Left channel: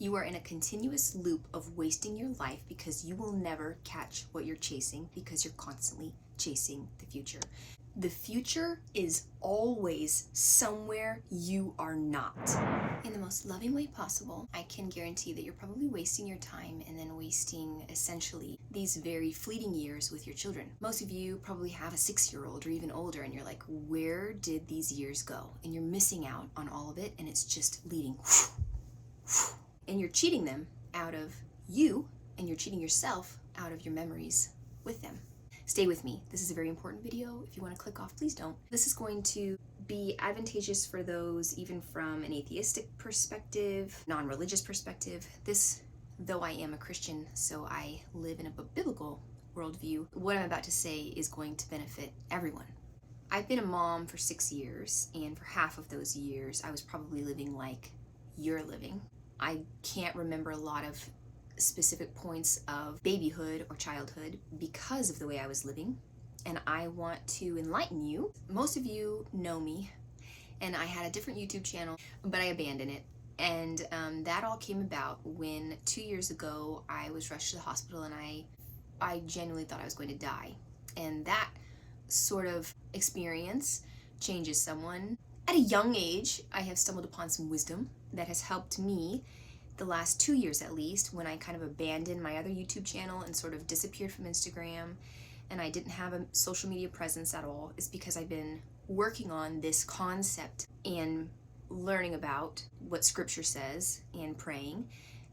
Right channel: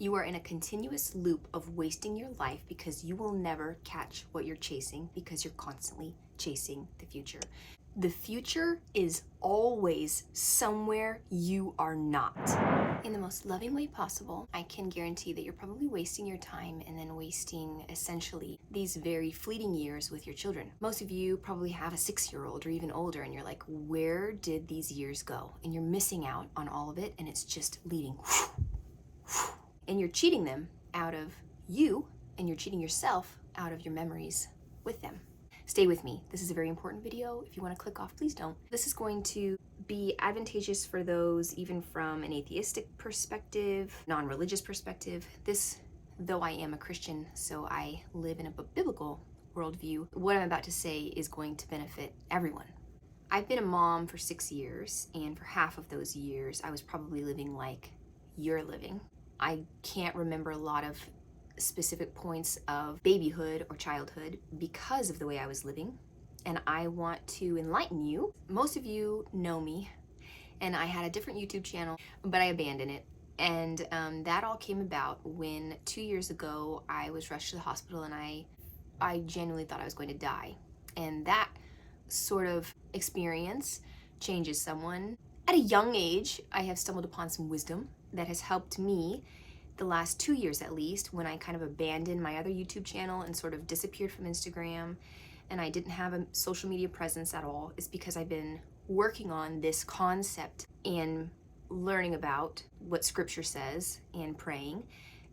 You are in a continuous loop of wasting your life because you will never catch what you're chasing because you're constantly chasing the future. The future is always somewhere you are not. In the most loving way possible, I can guarantee that you're probably wasting your time and then wasting essentially these very fleeting years with your children. Most of you probably have a 6-year-old or even older and you're like, where did these years go? And you're missing out on all of it and it's just leaving. And you're cheating them out of you and you're cheating yourself out of your memories with them. Stay with me. This is a very important video. If you want to click off, please don't. This is going to be advantageous for those even from an atheistic perspective, non-religious perspective. This, though I am a Christian, so I live in a biblical worldview, what I'm about to say is going to benefit everyone. I've been a mom for 6 years, and for half of those years, I was probably living like you're living. I can't remember a lot of specific points of babyhood or childhood because of the way I was living, and I want to enlighten you. Most of you know me, and I had a different YouTube channel, but I abandoned it. And that all came about when 2 years ago I was rushed to the hospital and I genuinely thought I was going to die. And that sort of experience changes someone. At a young age, I have stumbled upon some wisdom that has helped me the last 2 years at least, when I kind of abandoned my other YouTube channel and sort of disappeared from Instagram and I didn't have a social media presence at all, is because I've been working on this concept and learning about what scripture says and praying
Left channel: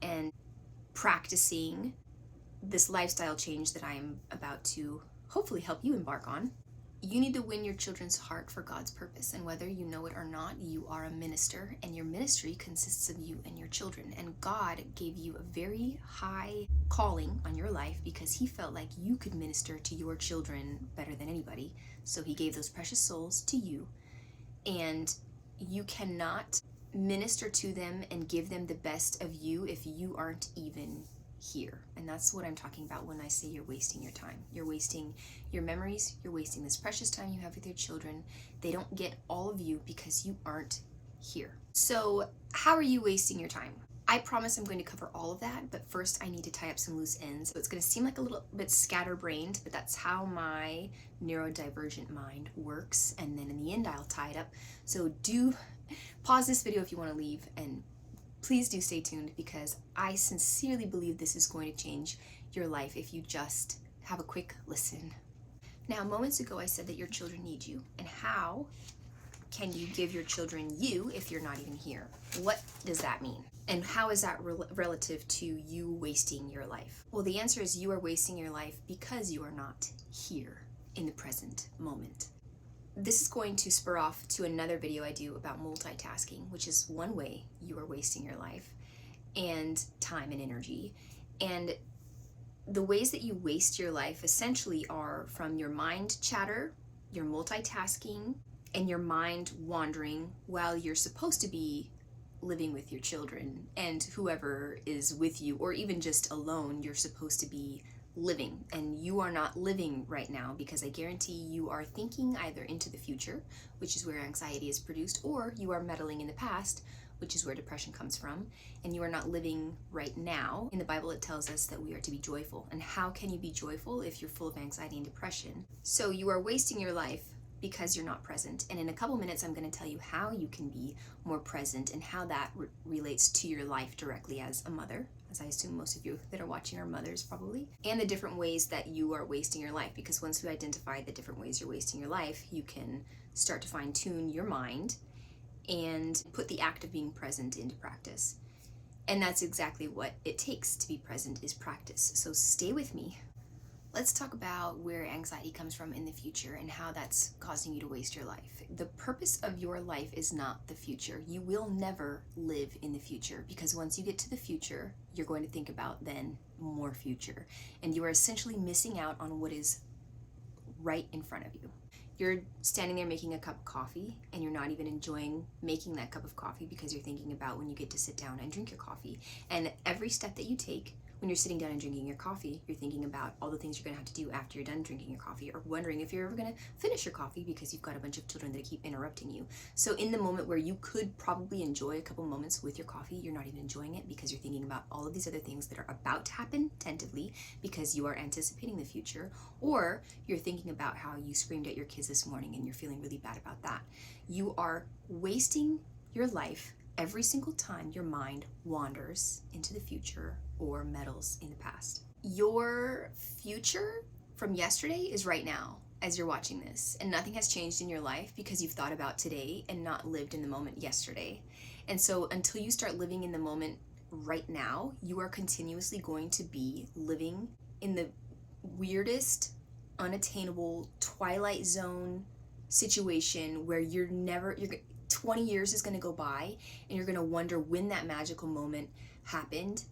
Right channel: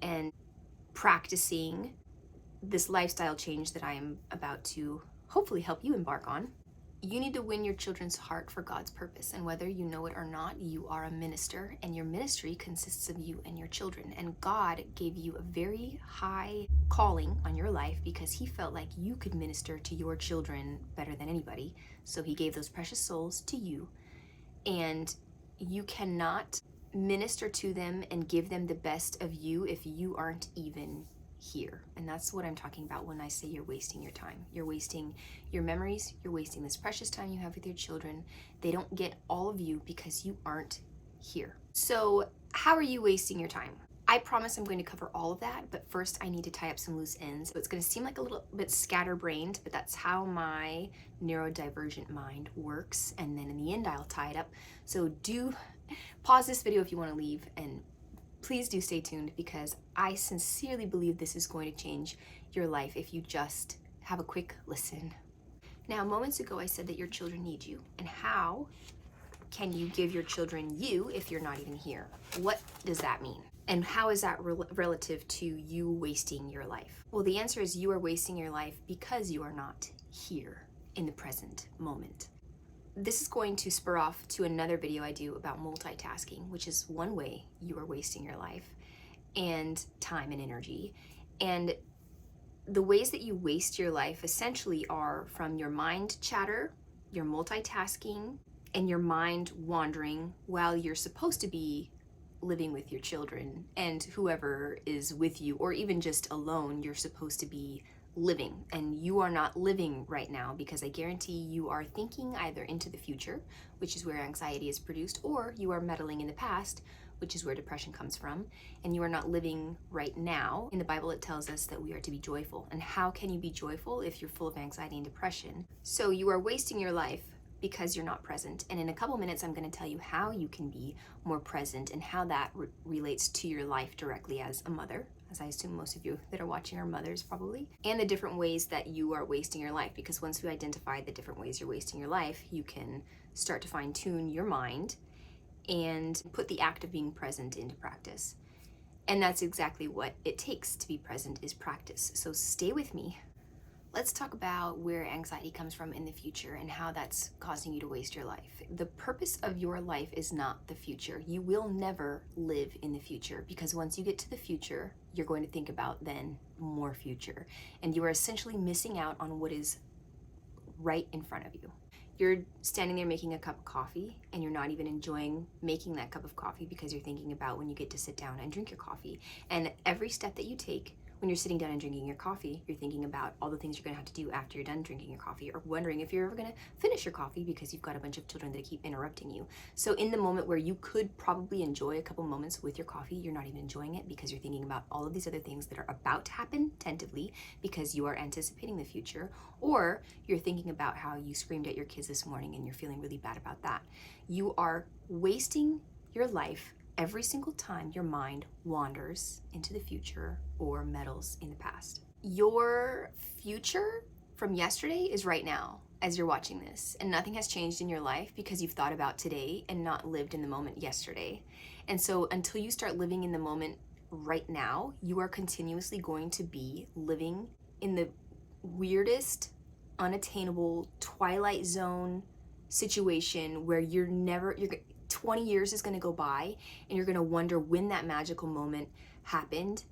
and practicing this lifestyle change that I am about to hopefully help you embark on. You need to win your children's heart for God's purpose, and whether you know it or not, you are a minister, and your ministry consists of you and your children. And God gave you a very high calling on your life because He felt like you could minister to your children better than anybody. So He gave those precious souls to you, and you cannot minister to them and give them the best of you if you aren't even here. And that's what I'm talking about when I say you're wasting your time. You're wasting your memories, you're wasting this precious time you have with your children. They don't get all of you because you aren't here. So how are you wasting your time? I promise I'm going to cover all of that, but first I need to tie up some loose ends. So it's going to seem like a little bit scatterbrained, but that's how my neurodivergent mind works. And then in the end, I'll tie it up. So do pause this video if you want to leave, and please do stay tuned because I sincerely believe this is going to change your life if you just have a quick listen. Now, moments ago, I said that your children need you. And how can you give your children you if you're not even here? What does that mean? And how is that relative to you wasting your life? Well, the answer is you are wasting your life because you are not here in the present moment. This is going to spur off to another video I do about multitasking, which is one way you are wasting your life and time and energy. And the ways that you waste your life essentially are from your mind chatter, your multitasking, and your mind wandering while you're supposed to be living with your children and whoever is with you, or even just alone, you're supposed to be living, and you are not living right now because I guarantee you are thinking either into the future, which is where anxiety is produced, or you are meddling in the past, which is where depression comes from, and you are not living right now. In the Bible, it tells us that we are to be joyful. And how can you be joyful if you're full of anxiety and depression? So you are wasting your life because you're not present. And in a couple minutes, I'm going to tell you how you can be more present and how that relates to your life directly as a mother, as I assume most of you that are watching are mothers probably, and the different ways that you are wasting your life. Because once you identify the different ways you're wasting your life, you can start to fine tune your mind and put the act of being present into practice. And that's exactly what it takes to be present, is practice. So stay with me. Let's talk about where anxiety comes from in the future and how that's causing you to waste your life. The purpose of your life is not the future. You will never live in the future, because once you get to the future, you're going to think about then more future. And you are essentially missing out on what is right in front of you. You're standing there making a cup of coffee and you're not even enjoying making that cup of coffee because you're thinking about when you get to sit down and drink your coffee. And every step that you take When you're sitting down and drinking your coffee, you're thinking about all the things you're going to have to do after you're done drinking your coffee, or wondering if you're ever going to finish your coffee because you've got a bunch of children that keep interrupting you. So in the moment where you could probably enjoy a couple moments with your coffee, you're not even enjoying it because you're thinking about all of these other things that are about to happen tentatively because you are anticipating the future, or you're thinking about how you screamed at your kids this morning and you're feeling really bad about that. You are wasting your life every single time your mind wanders into the future or meddles in the past. Your future from yesterday is right now as you're watching this, and nothing has changed in your life because you've thought about today and not lived in the moment yesterday. And so until you start living in the moment right now, you are continuously going to be living in the weirdest, unattainable twilight zone situation where you're 20 years is going to go by and you're going to wonder when that magical moment happened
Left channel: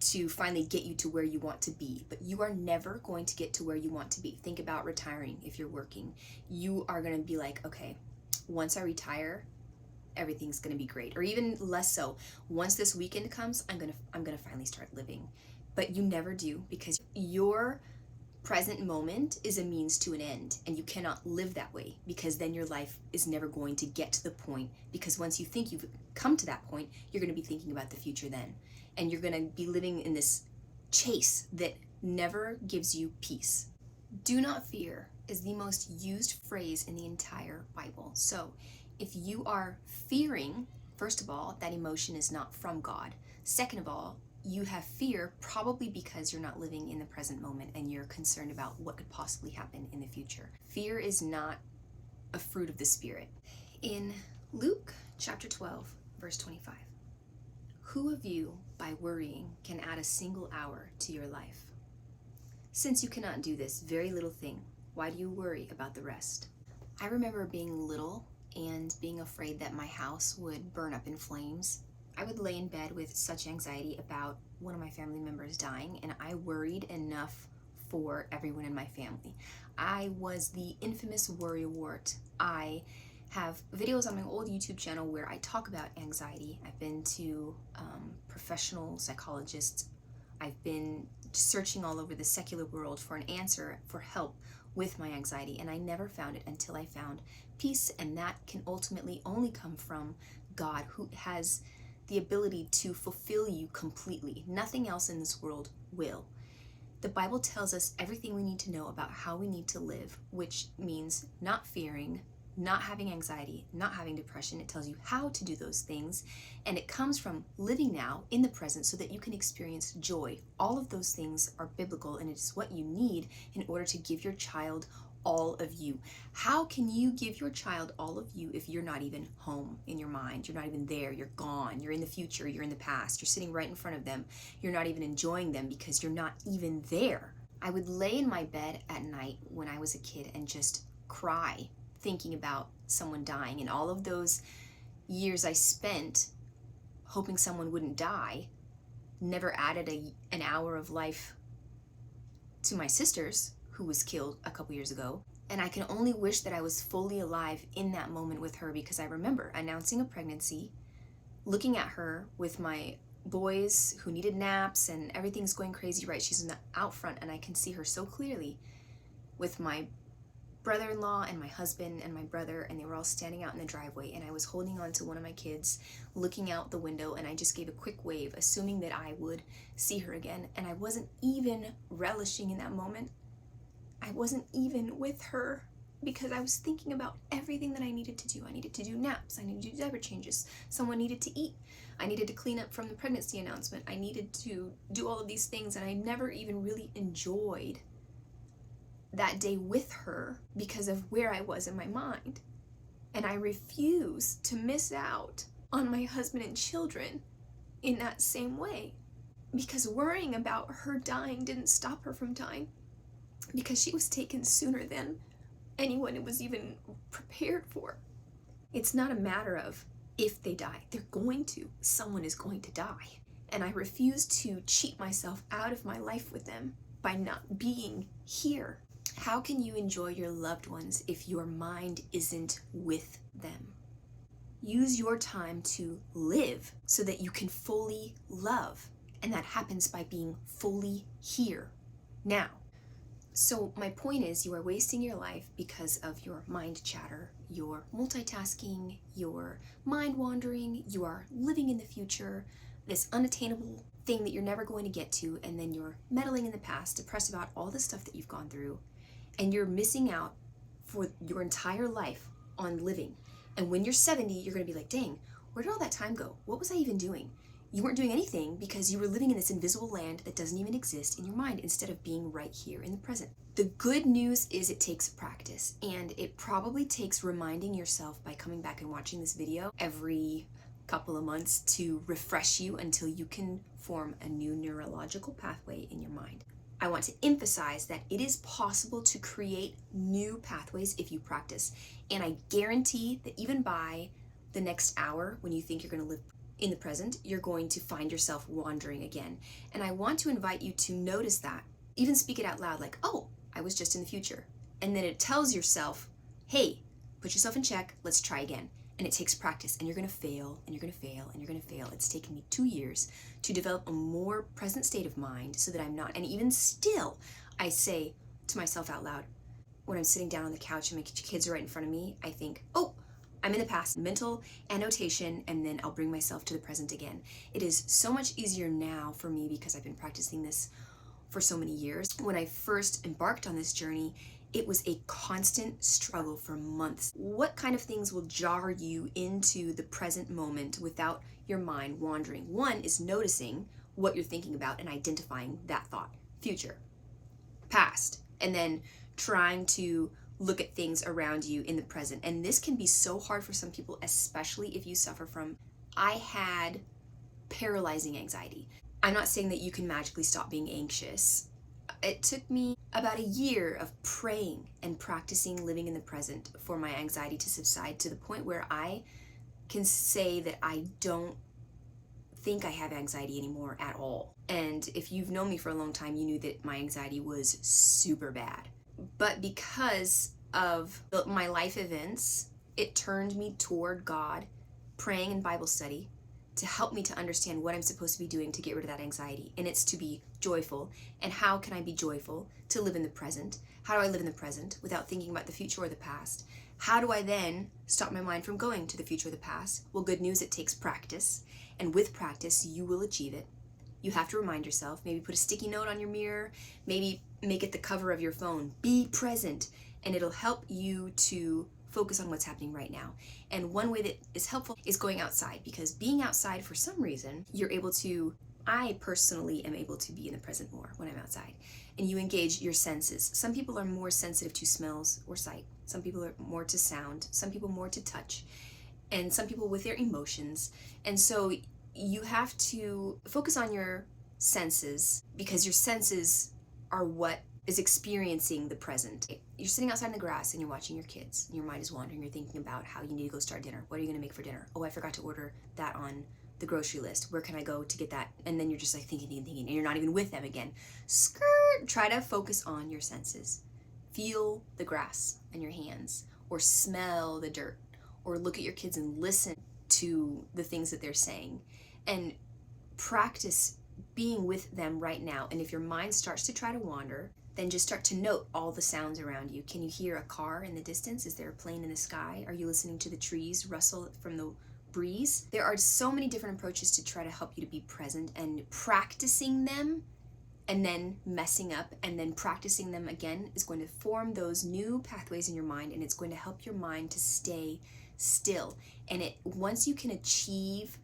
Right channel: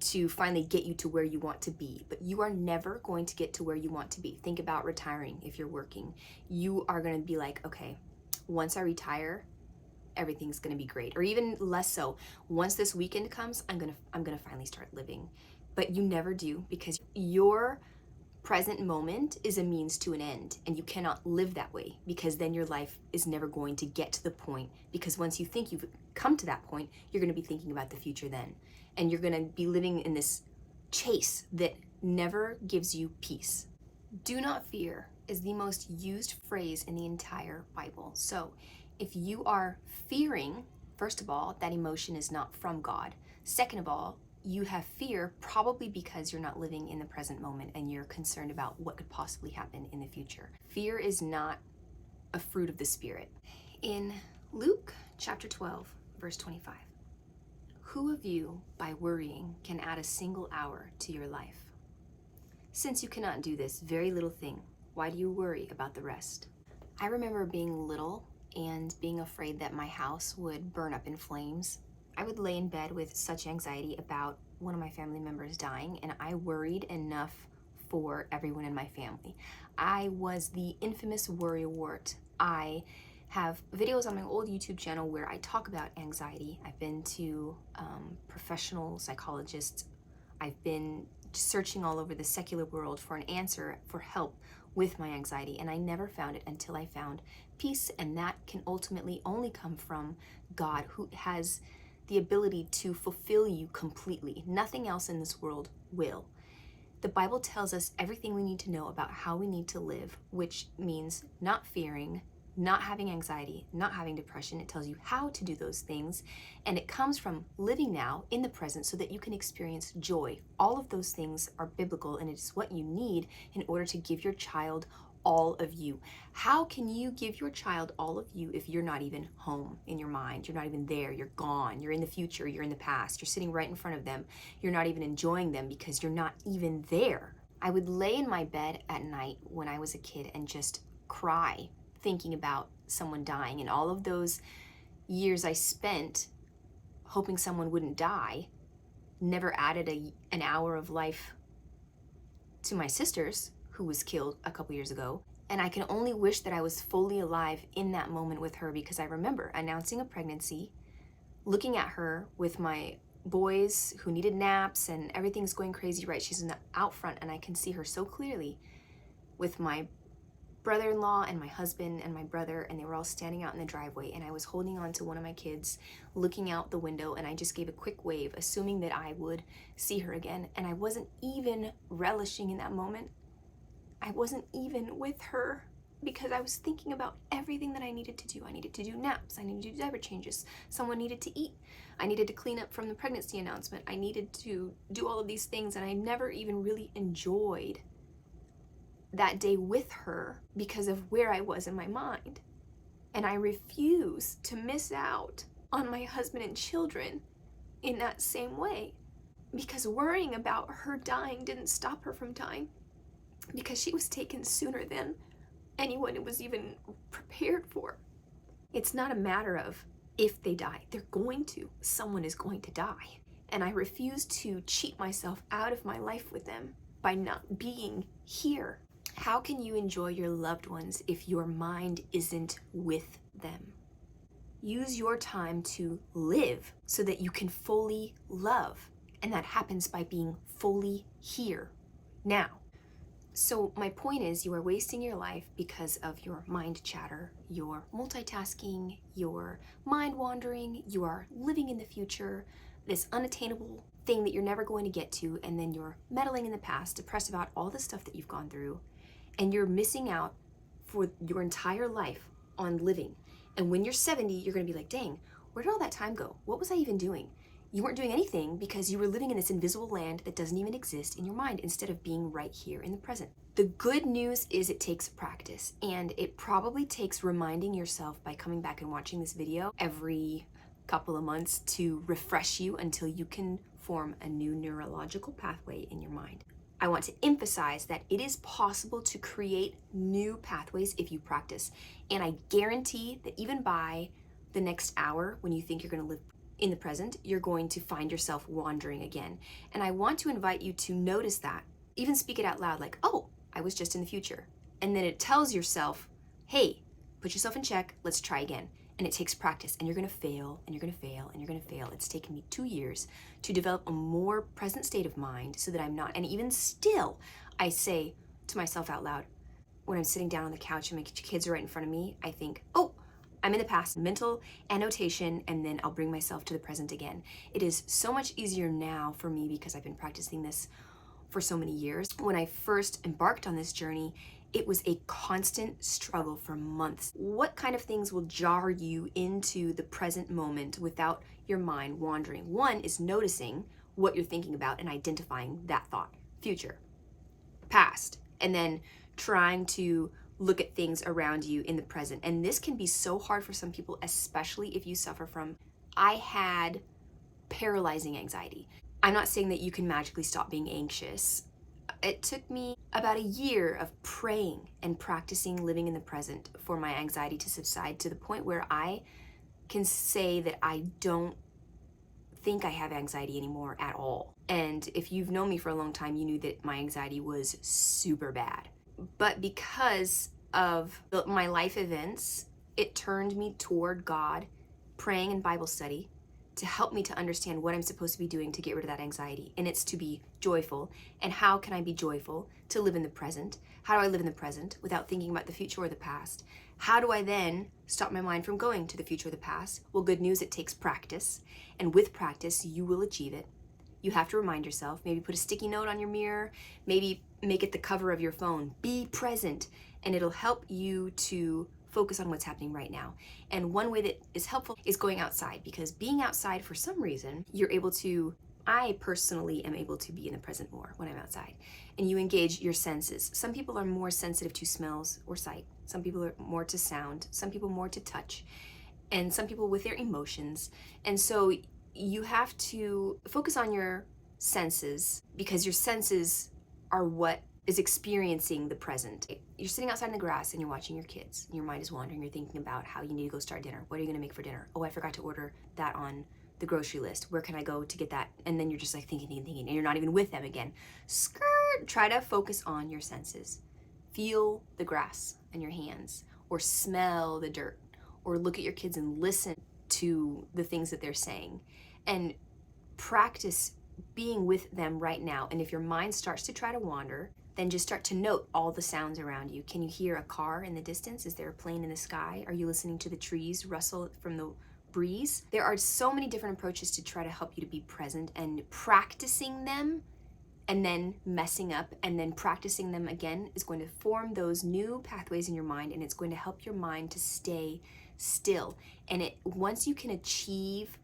to finally get you to where you want to be. But you are never going to get to where you want to be. Think about retiring. If you're working, you are going to be like, okay, once I retire, everything's going to be great. Or even less so, once this weekend comes, I'm going to finally start living. But you never do, because your present moment is a means to an end, and you cannot live that way, because then your life is never going to get to the point, because once you think you've come to that point, you're going to be thinking about the future then, and you're going to be living in this chase that never gives you peace. Do not fear is the most used phrase in the entire Bible. So if you are fearing, first of all, that emotion is not from God. Second of all, you have fear probably because you're not living in the present moment and you're concerned about what could possibly happen in the future. Fear is not a fruit of the Spirit. In Luke chapter 12, verse 25, who of you, by worrying, can add a single hour to your life? Since you cannot do this very little thing, why do you worry about the rest? I remember being little and being afraid that my house would burn up in flames. I would lay in bed with such anxiety about one of my family members dying, and I worried enough for everyone in my family. I was the infamous worrywart. I have videos on my old YouTube channel where I talk about anxiety. I've been to professional psychologists. I've been searching all over the secular world for an answer, for help with my anxiety, and I never found it until I found peace, and that can ultimately only come from God, who has the ability to fulfill you completely. Nothing else in this world will. The Bible tells us everything we need to know about how we need to live, which means not fearing, not having anxiety, not having depression. It tells you how to do those things, and it comes from living now in the present so that you can experience joy. All of those things are biblical, and it's what you need in order to give your child all of you. How can you give your child all of you if you're not even home in your mind? You're not even there. You're gone. You're in the future. You're in the past. You're sitting right in front of them. You're not even enjoying them because you're not even there. I would lay in my bed at night when I was a kid and just cry, thinking about someone dying, and all of those years I spent hoping someone wouldn't die never added an hour of life to my sister's, who was killed a couple years ago. And I can only wish that I was fully alive in that moment with her, because I remember announcing a pregnancy, looking at her with my boys who needed naps and everything's going crazy, right? She's in the out front, and I can see her so clearly with my brother-in-law and my husband and my brother, and they were all standing out in the driveway, and I was holding on to one of my kids, looking out the window, and I just gave a quick wave, assuming that I would see her again. And I wasn't even relishing in that moment. I wasn't even with her because I was thinking about everything that I needed to do. I needed to do naps. I needed to do diaper changes. Someone needed to eat. I needed to clean up from the pregnancy announcement. I needed to do all of these things, and I never even really enjoyed that day with her because of where I was in my mind. And I refuse to miss out on my husband and children in that same way, because worrying about her dying didn't stop her from dying, because she was taken sooner than anyone was even prepared for. It's not a matter of if they die. They're going to. Someone is going to die. And I refuse to cheat myself out of my life with them by not being here. How can you enjoy your loved ones if your mind isn't with them? Use your time to live so that you can fully love. And that happens by being fully here, now. So my point is, you are wasting your life because of your mind chatter, your multitasking, your mind wandering, you are living in the future, this unattainable thing that you're never going to get to, and then you're meddling in the past, depressed about all the stuff that you've gone through, and you're missing out for your entire life on living. And when you're 70, you're going to be like, dang, where did all that time go? What was I even doing? You weren't doing anything because you were living in this invisible land that doesn't even exist in your mind instead of being right here in the present. The good news is it takes practice, and it probably takes reminding yourself by coming back and watching this video every couple of months to refresh you until you can form a new neurological pathway in your mind. I want to emphasize that it is possible to create new pathways if you practice. And I guarantee that even by the next hour, when you think you're going to live in the present, you're going to find yourself wandering again. And I want to invite you to notice that. Even speak it out loud, like, oh, I was just in the future. And then it tells yourself, hey, put yourself in check, let's try again. And it takes practice, and you're gonna fail, and you're gonna fail, and you're gonna fail. It's taken me 2 years to develop a more present state of mind so that I'm not, and even still, I say to myself out loud, when I'm sitting down on the couch and my kids are right in front of me, I think, oh, I'm in the past, mental annotation, and then I'll bring myself to the present again. It is so much easier now for me because I've been practicing this for so many years. When I first embarked on this journey, it was a constant struggle for months. What kind of things will jar you into the present moment without your mind wandering? One is noticing what you're thinking about and identifying that thought. Future, past, and then trying to look at things around you in the present. And this can be so hard for some people, especially if you suffer from, I had paralyzing anxiety. I'm not saying that you can magically stop being anxious. It took me about a year of praying and practicing living in the present for my anxiety to subside to the point where I can say that I don't think I have anxiety anymore at all. And if you've known me for a long time, you knew that my anxiety was super bad. But because of my life events, it turned me toward God, praying and Bible study, to help me to understand what I'm supposed to be doing to get rid of that anxiety. And it's to be joyful. And how can I be joyful? To live in the present. How do I live in the present without thinking about the future or the past? How do I then stop my mind from going to the future or the past? Well, good news, it takes practice. And with practice, you will achieve it. You have to remind yourself, maybe put a sticky note on your mirror, maybe make it the cover of your phone. Be present, and it'll help you to focus on what's happening right now. And one way that is helpful is going outside, because being outside, for some reason, I personally am able to be in the present more when I'm outside. And you engage your senses. Some people are more sensitive to smells or sight. Some people are more to sound. Some people more to touch. And some people with their emotions. And so you have to focus on your senses, because your senses are what is experiencing the present. You're sitting outside in the grass and you're watching your kids. Your mind is wandering. You're thinking about how you need to go start dinner. What are you going to make for dinner? Oh, I forgot to order that on the grocery list. Where can I go to get that? And then you're just like thinking, and you're not even with them again. Skirt. Try to focus on your senses. Feel the grass in your hands, or smell the dirt, or look at your kids and listen to the things that they're saying, and practice being with them right now. And if your mind starts to try to wander, then just start to note all the sounds around you. Can you hear a car in the distance? Is there a plane in the sky? Are you listening to the trees rustle from the breeze? There are so many different approaches to try to help you to be present, and practicing them and then messing up and then practicing them again is going to form those new pathways in your mind, and it's going to help your mind to stay still. And once you can achieve,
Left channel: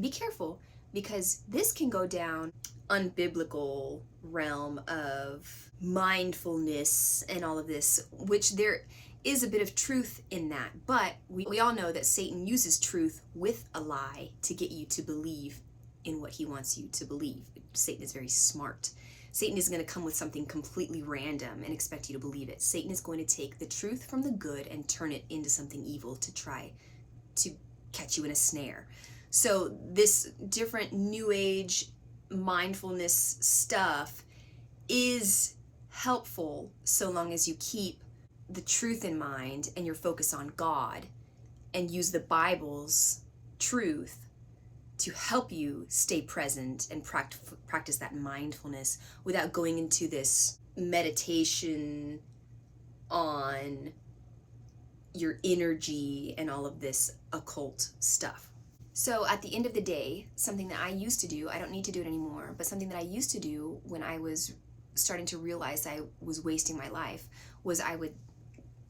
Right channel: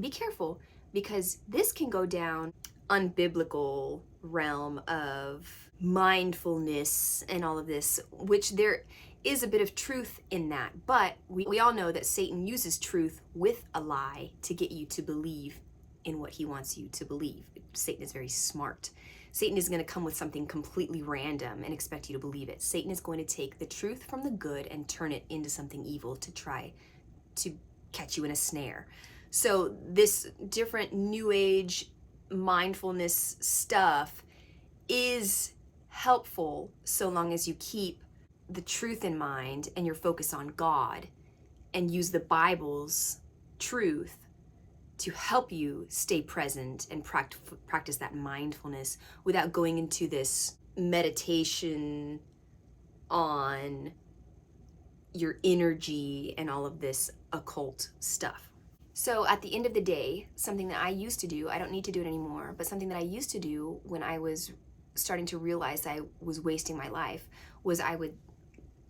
be careful, because this can go down unbiblical realm of mindfulness and all of this, which there is a bit of truth in that. But we all know that Satan uses truth with a lie to get you to believe in what he wants you to believe. Satan is very smart. Satan isn't going to come with something completely random and expect you to believe it. Satan is going to take the truth from the good and turn it into something evil to try to catch you in a snare. So this different new age mindfulness stuff is helpful so long as you keep the truth in mind and your focus on God and use the Bible's truth to help you stay present and practice that mindfulness without going into this meditation on your energy and all of this occult stuff. So at the end of the day, something that I used to do, I don't need to do it anymore, but something that I used to do when I was starting to realize I was wasting my life was I would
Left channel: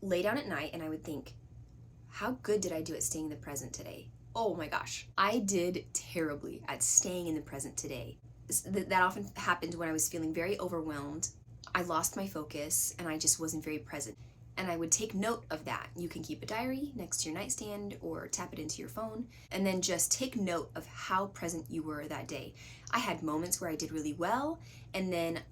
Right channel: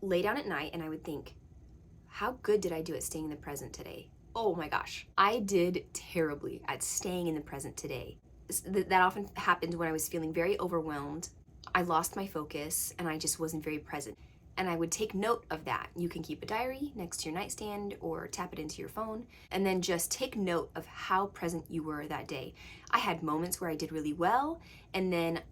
lay down at night and I would think, how good did I do at staying in the present today? Oh my gosh, I did terribly at staying in the present today. That often happened when I was feeling very overwhelmed. I lost my focus and I just wasn't very present. And I would take note of that. You can keep a diary next to your nightstand or tap it into your phone, and then just take note of how present you were that day. I had moments where I did really well, and then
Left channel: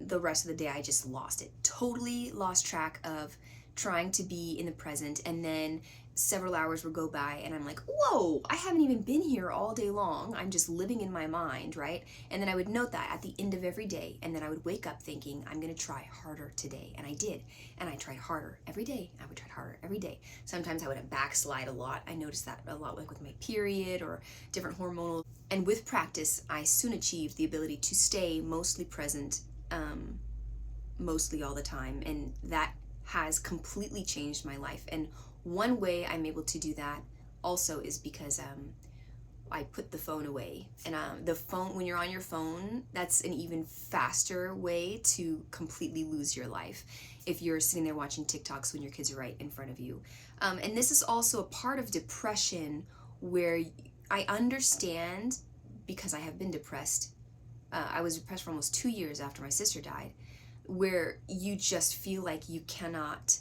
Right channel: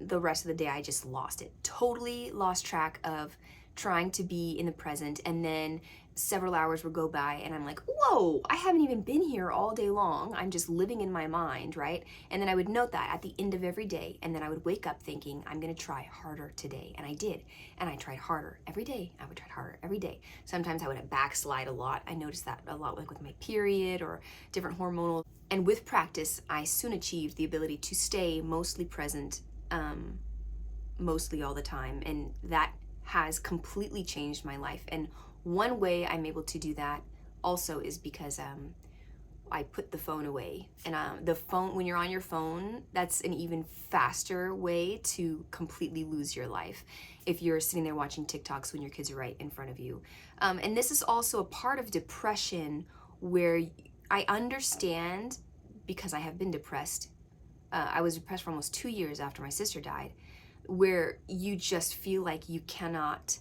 the rest of the day I just lost it. Totally lost track of trying to be in the present, and then several hours would go by and I'm like, whoa, I haven't even been here all day long. I'm just living in my mind, right? And then I would note that at the end of every day, and then I would wake up thinking, I'm gonna try harder today. And I did. And I tried harder every day. I would try harder every day. Sometimes I would backslide a lot. I noticed that a lot, like with my period or different hormonal. And with practice, I soon achieved the ability to stay mostly present, mostly all the time. And that has completely changed my life. And one way I'm able to do that also is because I put the phone away. And the phone, when you're on your phone, that's an even faster way to completely lose your life if you're sitting there watching TikToks when your kids are right in front of you. And this is also a part of depression where I understand, because I have been depressed. I was depressed for almost 2 years after my sister died, where you just feel like you cannot.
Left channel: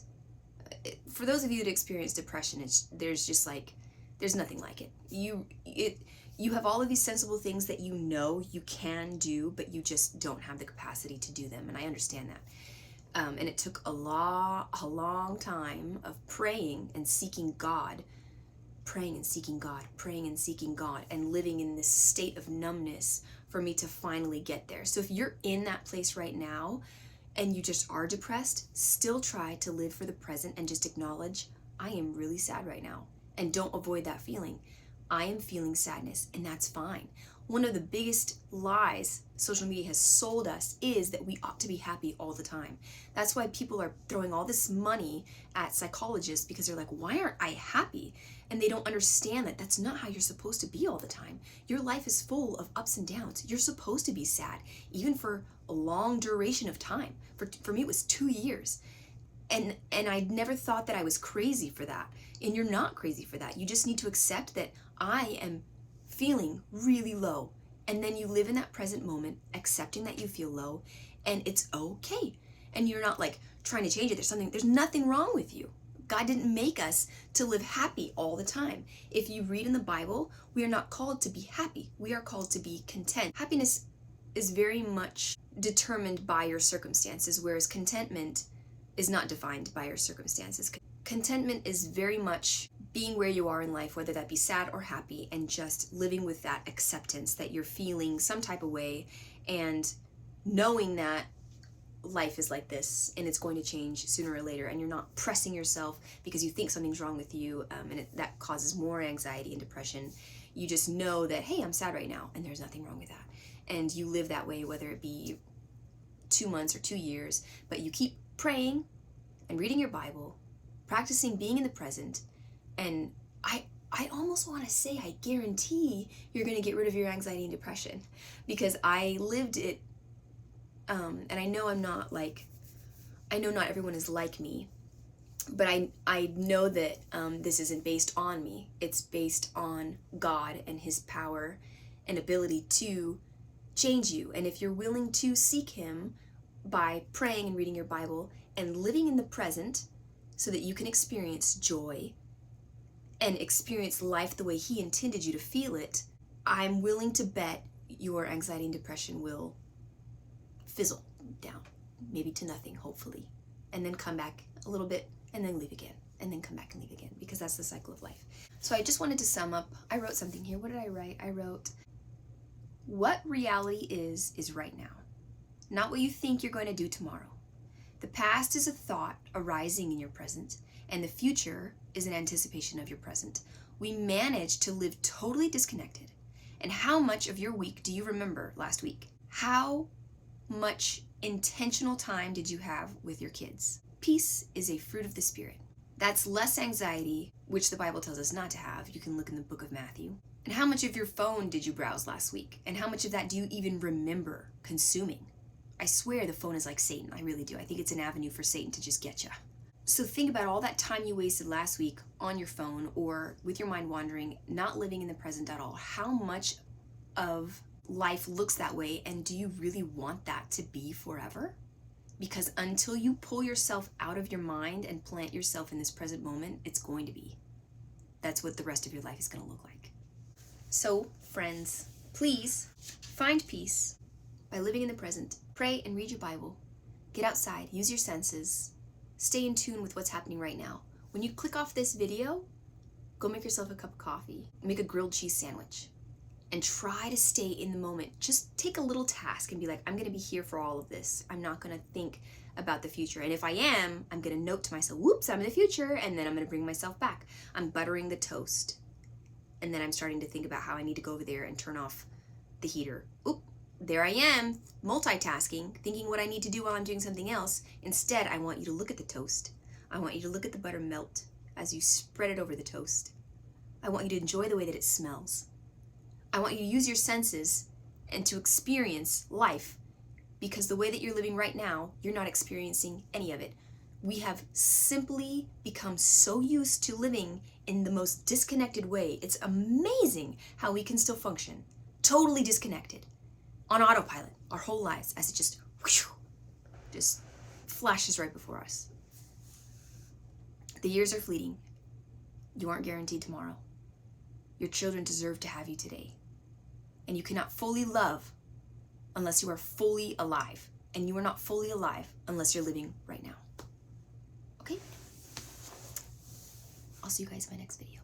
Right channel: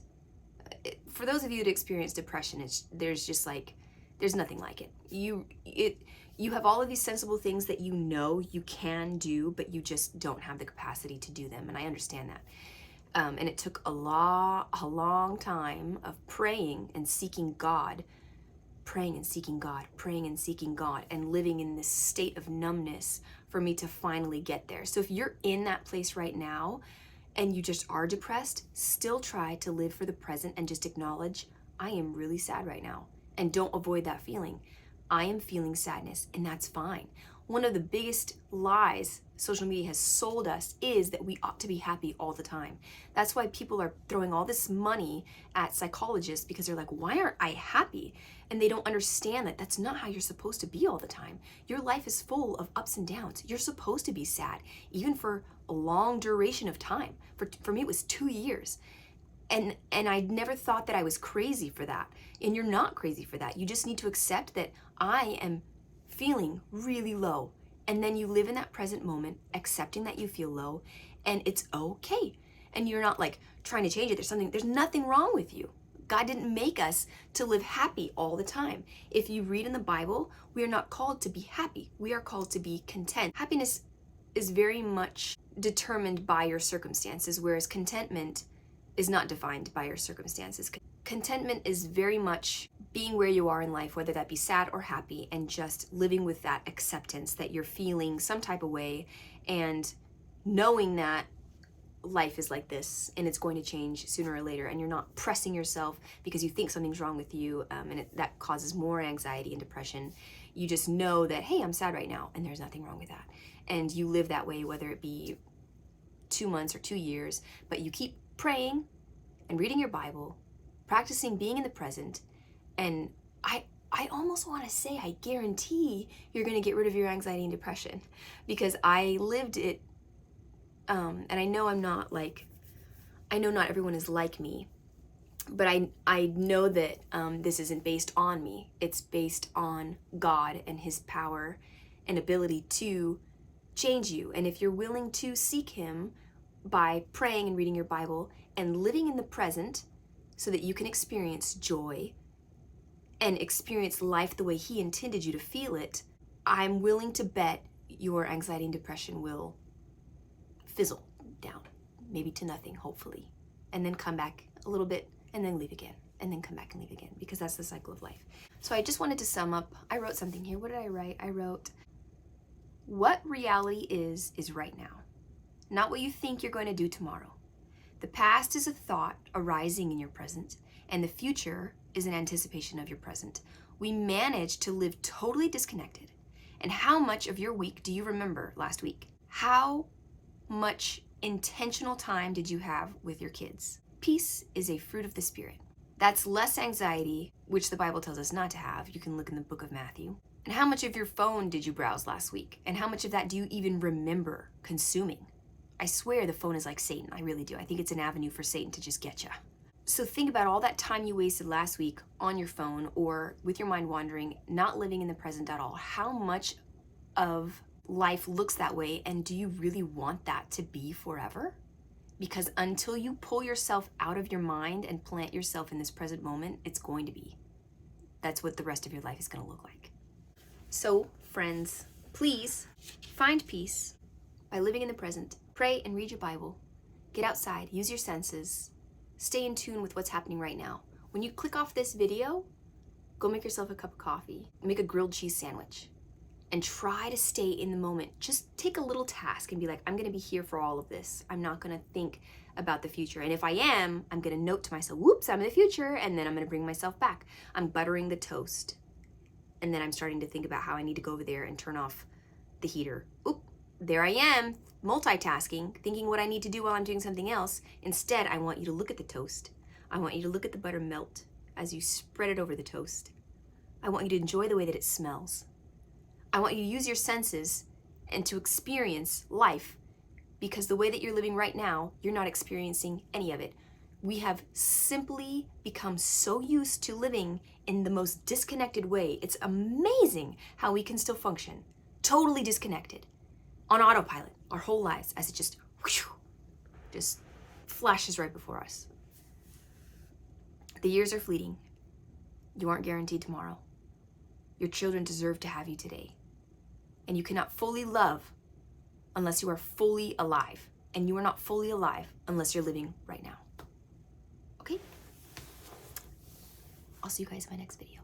For those of you that experience depression, there's nothing like it. You have all of these sensible things that you know you can do, but you just don't have the capacity to do them, and I understand that. And it took a long time of praying and seeking God, praying and seeking God, praying and seeking God, and living in this state of numbness for me to finally get there. So if you're in that place right now, and you just are depressed, still try to live for the present and just acknowledge, I am really sad right now. And don't avoid that feeling. I am feeling sadness, and that's fine. One of the biggest lies social media has sold us is that we ought to be happy all the time. That's why people are throwing all this money at psychologists, because they're like, why aren't I happy? And they don't understand that that's not how you're supposed to be all the time. Your life is full of ups and downs. You're supposed to be sad, even for a long duration of time. For me, it was 2 years. And I never thought that I was crazy for that. And you're not crazy for that. You just need to accept that I am feeling really low. And then you live in that present moment, accepting that you feel low, and it's okay. And you're not like trying to change it. There's nothing wrong with you. God didn't make us to live happy all the time. If you read in the Bible, we are not called to be happy. We are called to be content. Happiness is very much determined by your circumstances, whereas contentment is not defined by your circumstances. Contentment is very much being where you are in life, whether that be sad or happy, and just living with that acceptance that you're feeling some type of way, and knowing that life is like this and it's going to change sooner or later, and you're not pressing yourself because you think something's wrong with you, and that causes more anxiety and depression. You just know that, hey, I'm sad right now, and there's nothing wrong with that. And you live that way, whether it be 2 months or 2 years, but you keep praying and reading your Bible, practicing being in the present, and I almost want to say I guarantee you're going to get rid of your anxiety and depression, because I lived it, and I know I know not everyone is like me, but I know that this isn't based on me. It's based on God and His power and ability to change you. And if you're willing to seek Him by praying and reading your Bible and living in the present so that you can experience joy and experience life the way He intended you to feel it, I'm willing to bet your anxiety and depression will fizzle down, maybe to nothing, hopefully, and then come back a little bit and then leave again, and then come back and leave again, because that's the cycle of life. So I just wanted to sum up. I wrote something here. What did I write? I wrote, what reality is right now, not what you think you're going to do tomorrow. The past is a thought arising in your present, and the future is an anticipation of your present. We manage to live totally disconnected And how much of your week do you remember last week? How much intentional time did you have with your kids? Peace is a fruit of the Spirit. That's less anxiety, which the Bible tells us not to have. You can look in the book of Matthew. And how much of your phone did you browse last week? And how much of that do you even remember consuming? I swear the phone is like Satan. I really do. I think it's an avenue for Satan to just get you. So think about all that time you wasted last week on your phone or with your mind wandering, not living in the present at all. How much of life looks that way, and do you really want that to be forever? Because until you pull yourself out of your mind and plant yourself in this present moment, it's going to be. That's what the rest of your life is going to look like. So, friends, please find peace by living in the present. Pray and read your Bible. Get outside, use your senses. Stay in tune with what's happening right now. When you click off this video, go make yourself a cup of coffee, make a grilled cheese sandwich, and try to stay in the moment. Just take a little task and be like, I'm gonna be here for all of this. I'm not gonna think about the future. And if I am, I'm gonna note to myself, whoops, I'm in the future, and then I'm gonna bring myself back. I'm buttering the toast. And then I'm starting to think about how I need to go over there and turn off the heater. Oop, there I am, multitasking, thinking what I need to do while I'm doing something else. Instead, I want you to look at the toast. I want you to look at the butter melt as you spread it over the toast. I want you to enjoy the way that it smells. I want you to use your senses and to experience life, because the way that you're living right now, you're not experiencing any of it. We have simply become so used to living in the most disconnected way. It's amazing how we can still function, totally disconnected, on autopilot our whole lives, as it just flashes right before us. The years are fleeting. You aren't guaranteed tomorrow. Your children deserve to have you today. And you cannot fully love unless you are fully alive. And you are not fully alive unless you're living right now. Okay? I'll see you guys in my next video.